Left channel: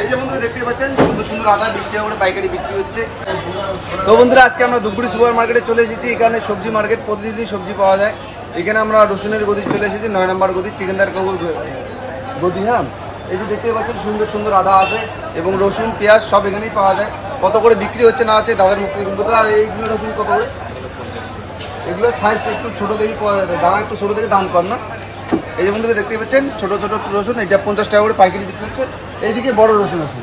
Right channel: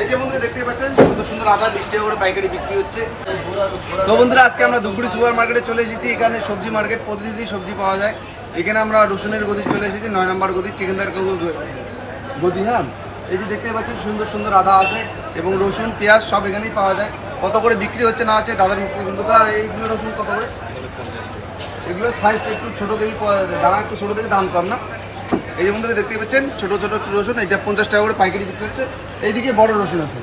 এই যে বন্ধুরা দেখতে পাচ্ছেন সুন্দর সুন্দর আদা 20 টাকা করে পাইকারি বিক্রি হচ্ছে। তো বন্ধুরা আজকে আমরা ধূপগুড়ি সুপার মার্কেটে চলে এসেছি। এখানে সবজি মার্কেট, প্রতিদিনই সবজি পাওয়া যায়। এখানে আমরা রসুনের গদি চলে এসেছি, 9 নম্বর গদি, চিকেনদার কাকুর গদি। হ্যাঁ, এই যে দেখতে পাচ্ছেন সুন্দর সুন্দর আদা আছে এবং রসুন পেঁয়াজ সব এখানেই পাওয়া যায়। কত করে বিক্রি হচ্ছে না হচ্ছে দাদার মুখ থেকে বলতে। আর এইগুলো রসুন কত করে? এগুলো সাইজ একটু ছোটো দেখি, দাঁড়া একটু ছোটো থেকে দাম কম না। এই যে বন্ধুরা দেখতে পাচ্ছেন ছোটো ছোটো রসুন, এটা 50 টাকা করে পাইকারি বিক্রি হচ্ছে। এইদিকে বড় রসুন আছে,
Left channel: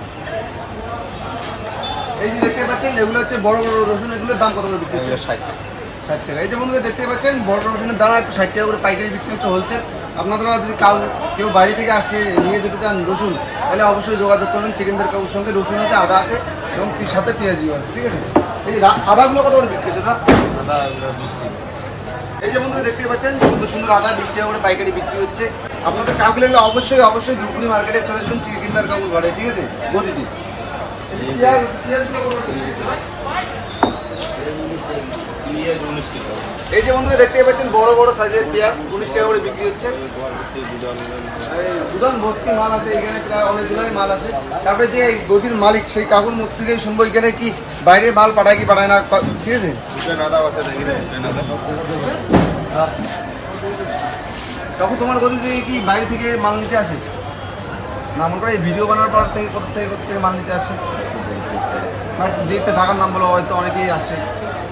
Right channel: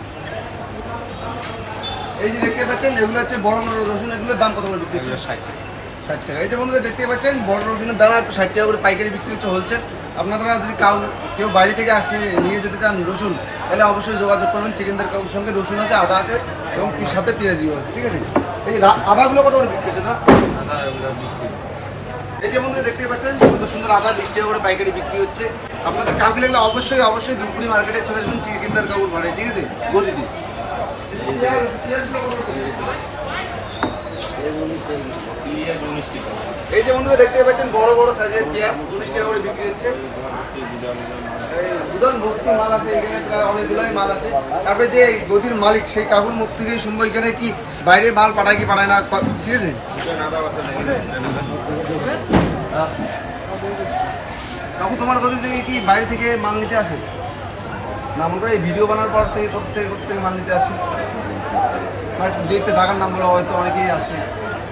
এই যে দেখতে পাচ্ছেন এগুলো হচ্ছে বড় বড় রসুন। এগুলোর দাম কত করে বিক্রি হচ্ছে? 60 টাকা। এই যে বন্ধুরা দেখতে পাচ্ছেন বড় রসুনের দাম একটু 60 টাকা করে পাইকারি বিক্রি হচ্ছে হোলসেল। আপনারা যদি কেউ বাইরে থেকে আসে নিয়ে যেতে চান রসুন, তাহলে অবশ্যই যোগাযোগ করবেন চিকেনদার কাকুর সঙ্গে। রসুন আছে, আদা আছে এবং সাথে পেঁয়াজিও আছে, ঠিক আছে। এই যে আদাগুলো কত করে বিক্রি হচ্ছে দাদা? এই যে বন্ধুরা দেখতে পাচ্ছেন সুন্দর সুন্দর আদা 20 টাকা করে পাইকারি বিক্রি হচ্ছে। আপনাদের কাউকে লাগলে অবশ্যই অবশ্যই ধূপগুড়ি মার্কেটে চলে আসবেন চিকেনদার কাকুর ঘরে, ঠিক আছে, গদিতে। এই যে বন্ধুরা দেখতে পাচ্ছেন বড় বড় সাইজের পেঁয়াজ 19 টাকা করে বিক্রি হচ্ছে। গুদান ভর্তি মাল আছে এখানে, প্রায় অনেকগুলোই মাল আছে। তারপরে যে গদির মালিক সেই কাকুর মুখ থেকে শুনবো এখানে কি বাইরে মাল পাঠায় কি পাঠায় না, ঠিক আছে। কাকু তোমার গদি থেকে কি বাইরে থেকে মাল নিতে আসে না? মনে করে এই ভিডিও বানানোর পর থেকে করতে মাল নিতে আসে না? যে একটা জায়গার নাম বলো হয়তো অনেকেই আসে,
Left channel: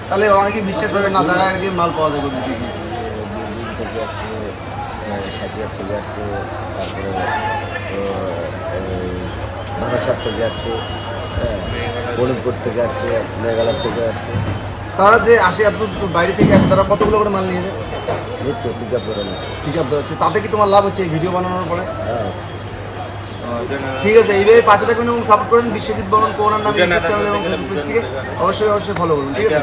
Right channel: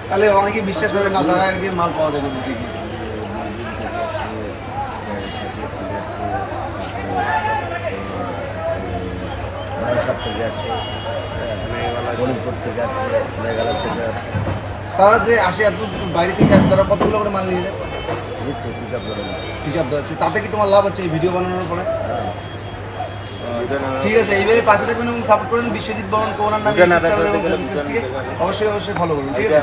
তাহলে অনেকেই বিশ্বাস করবে না জায়গায় গিয়ে মাল পাওয়া যায় গদি থেকে। বারাসাত থেকে আছে, মণিপুর থেকে আছে, মেঘালয় থেকে আছে। তারা যে আসে এত বাইরে থেকে আসে, তারা কতগুলো করে মাল নিয়ে যায়? নিচ্ছে পিক আপ করে নিচ্ছে। পিক আপ হচ্ছে, তাতে কি তোমার লাভ হচ্ছে এই ভিডিও বানানোর পরে? হ্যাঁ, ঠিক আছে, এইভাবে পাশে থাকবেন এবং সাপোর্ট করেন। বিশ্বজিৎ বর্মন কোনার নামে ইউটিউব চ্যানেল এবং ফেসবুক পেজটিকে অবশ্যই অবশ্যই ফলো করুন, ঠিক আছে।